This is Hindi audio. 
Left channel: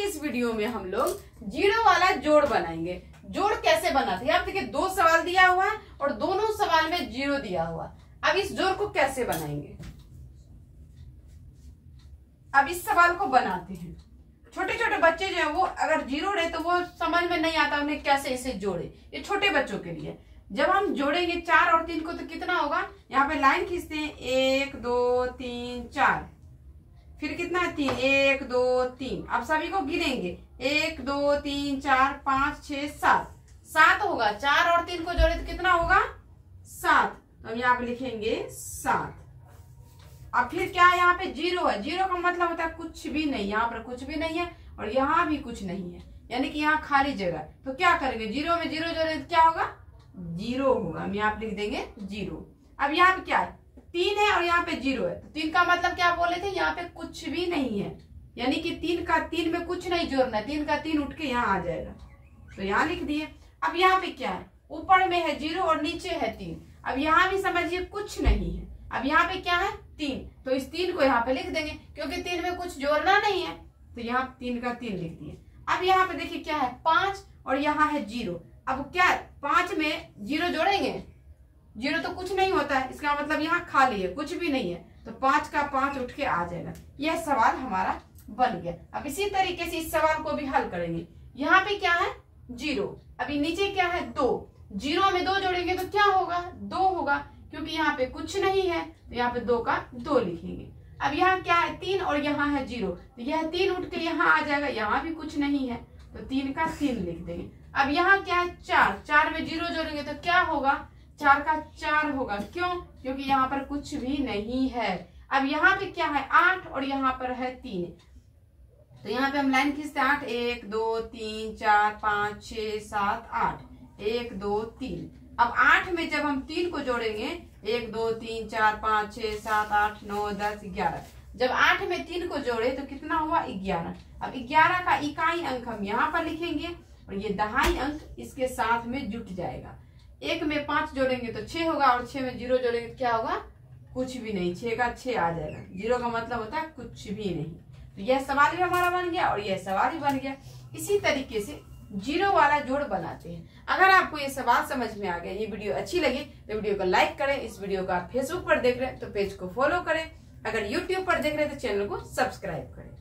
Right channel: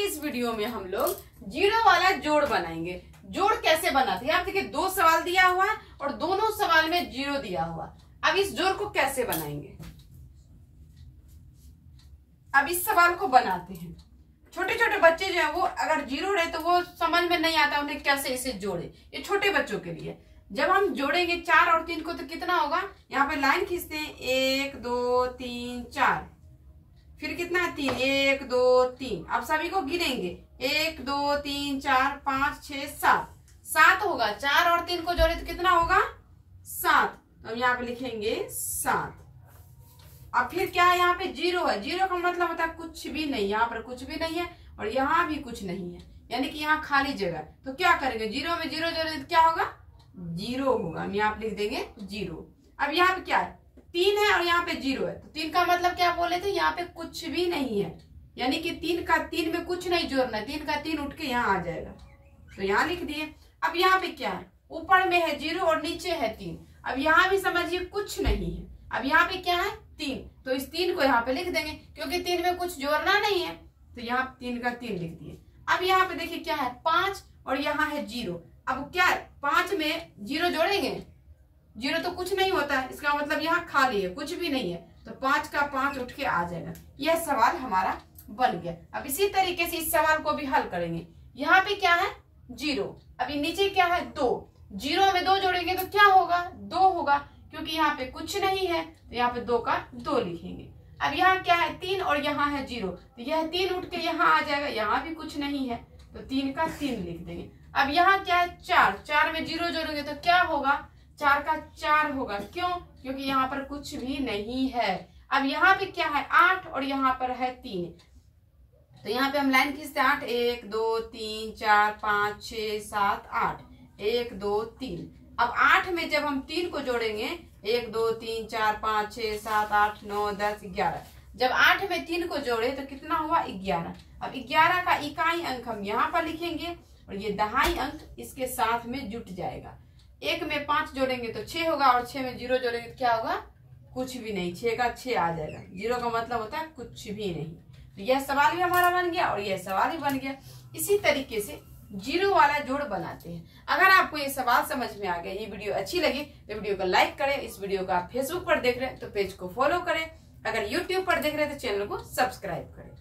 की इस वीडियो में हम लोग जीरो वाला जोड़ बनाएंगे। जोड़ कैसे बनाते हैं आप देखिए, 2 सवाल दिया हुआ है और दोनों सवाल में जीरो दिया हुआ। अब इस जोड़ को कैसे बनाएंगे, अब इस सवाल को बनाते हैं। छोटे छोटे बच्चे जो है वो अगर जीरो रहे तो वो समझ में नहीं आता उन्हें कैसे इसे जोड़े, ये छोटे बच्चों के लिए। जब हम जोड़ेंगे 4 और 3 को तो कितना होगा, यहाँ पे लाइन खींचते हैं 1 2 3 4, फिर कितना है 3 1 2 3। अब सभी को गिनेंगे 1 2 3 4 5 6 7, 7 होगा। 4 और 3 को जोड़े तो कितना होगा 7, तो यहाँ पे लिखेंगे 7। अब फिर क्या है, यहाँ पे जीरो है। जीरो का मतलब होता है कुछ भी नहीं, यहाँ पर कुछ भी नहीं है और यहाँ भी कुछ नहीं है, यानी कि यहाँ खाली जगह। तो क्या करेंगे, जीरो में जीरो जोड़े तो क्या होगा, जीरो होगा। हम यहाँ पे लिख देंगे जीरो। अब यहाँ पे क्या है, 3 है और यहाँ पे जीरो है, तो 3 का मतलब क्या बोले थे, यहाँ पे कुछ भी नहीं है, यानी कि 3 में कुछ नहीं जोड़ना है। 3 का 3 उठ के यहाँ आ जाएगा, तो यहाँ लिख दिए। अब यहाँ पे क्या है, ऊपर में है जीरो और नीचे है 3। अब यहाँ भी समझिए कुछ नहीं है। अब यहाँ पे क्या है 3, तो इस 3 को यहाँ पे लिख देंगे, क्योंकि 3 में कुछ जोड़ना नहीं है, तो यहाँ 3 का 3 लिख दिए। अब यहाँ पे देखिए क्या है 5 और यहाँ है जीरो। अब क्या है, 5 में जीरो जोड़ेंगे, जीरो तो कुछ नहीं होता है, इसका मतलब यहाँ खाली है, कुछ भी नहीं है, तो 5 का 5 उठ के आ जाएगा। यह सवाल हमारा बन गया। अब इसी तरीके से इस सवाल को भी हल करेंगे। यहाँ पे क्या है जीरो, अभी नीचे क्या है 2, जीरो में 2 जोड़ेंगे तो क्या होगा 2 होगा, क्योंकि यहाँ पे कुछ नहीं है, तो यहाँ पे 2 का 2 लिखेंगे। अब यहाँ क्या है 3 और यहाँ है जीरो, तो यह 3 उठ के यहाँ आ जाएगा, यहाँ भी कुछ नहीं है, तो 3 का 3 लिख देंगे। अब यहाँ क्या है 4, 4 में जीरो जोड़ेंगे तो क्या होगा 4 का 4 होगा। क्यों, क्योंकि यहाँ पर कुछ भी नहीं है। अब यहाँ पे क्या है 8 और यहाँ पर है 3, तो यहाँ पे हम लाइन खींचते हैं 8 1 2 3 4 5 6 7 8 1 2 3। अब 8 में जब हम 3 को जोड़ेंगे 1 2 3 4 5 6 7 8 9 10 11, जब 8 में 3 को जोड़े तो कितना हुआ 11। अब 11 का इकाई अंक हम यहाँ पर लिखेंगे और ये दहाई अंक इसके साथ में जुट जाएगा। 1 में 5 जोड़ेंगे तो 6 होगा और 6 में जीरो जोड़ेंगे तो क्या होगा, कुछ भी नहीं, 6 का 6 आ जाएगा। जीरो का मतलब होता है कुछ भी नहीं। तो यह सवाल भी हमारा बन गया और यह सवाल भी बन गया। इसी तरीके से जीरो वाला जोड़ बनाते हैं। अगर आपको ये सवाल समझ में आ गया, ये वीडियो अच्छी लगी तो वीडियो को लाइक करें। इस वीडियो को आप फेसबुक पर देख रहे हैं तो पेज को फॉलो करें, अगर यूट्यूब पर देख रहे हैं तो चैनल को सब्सक्राइब करें।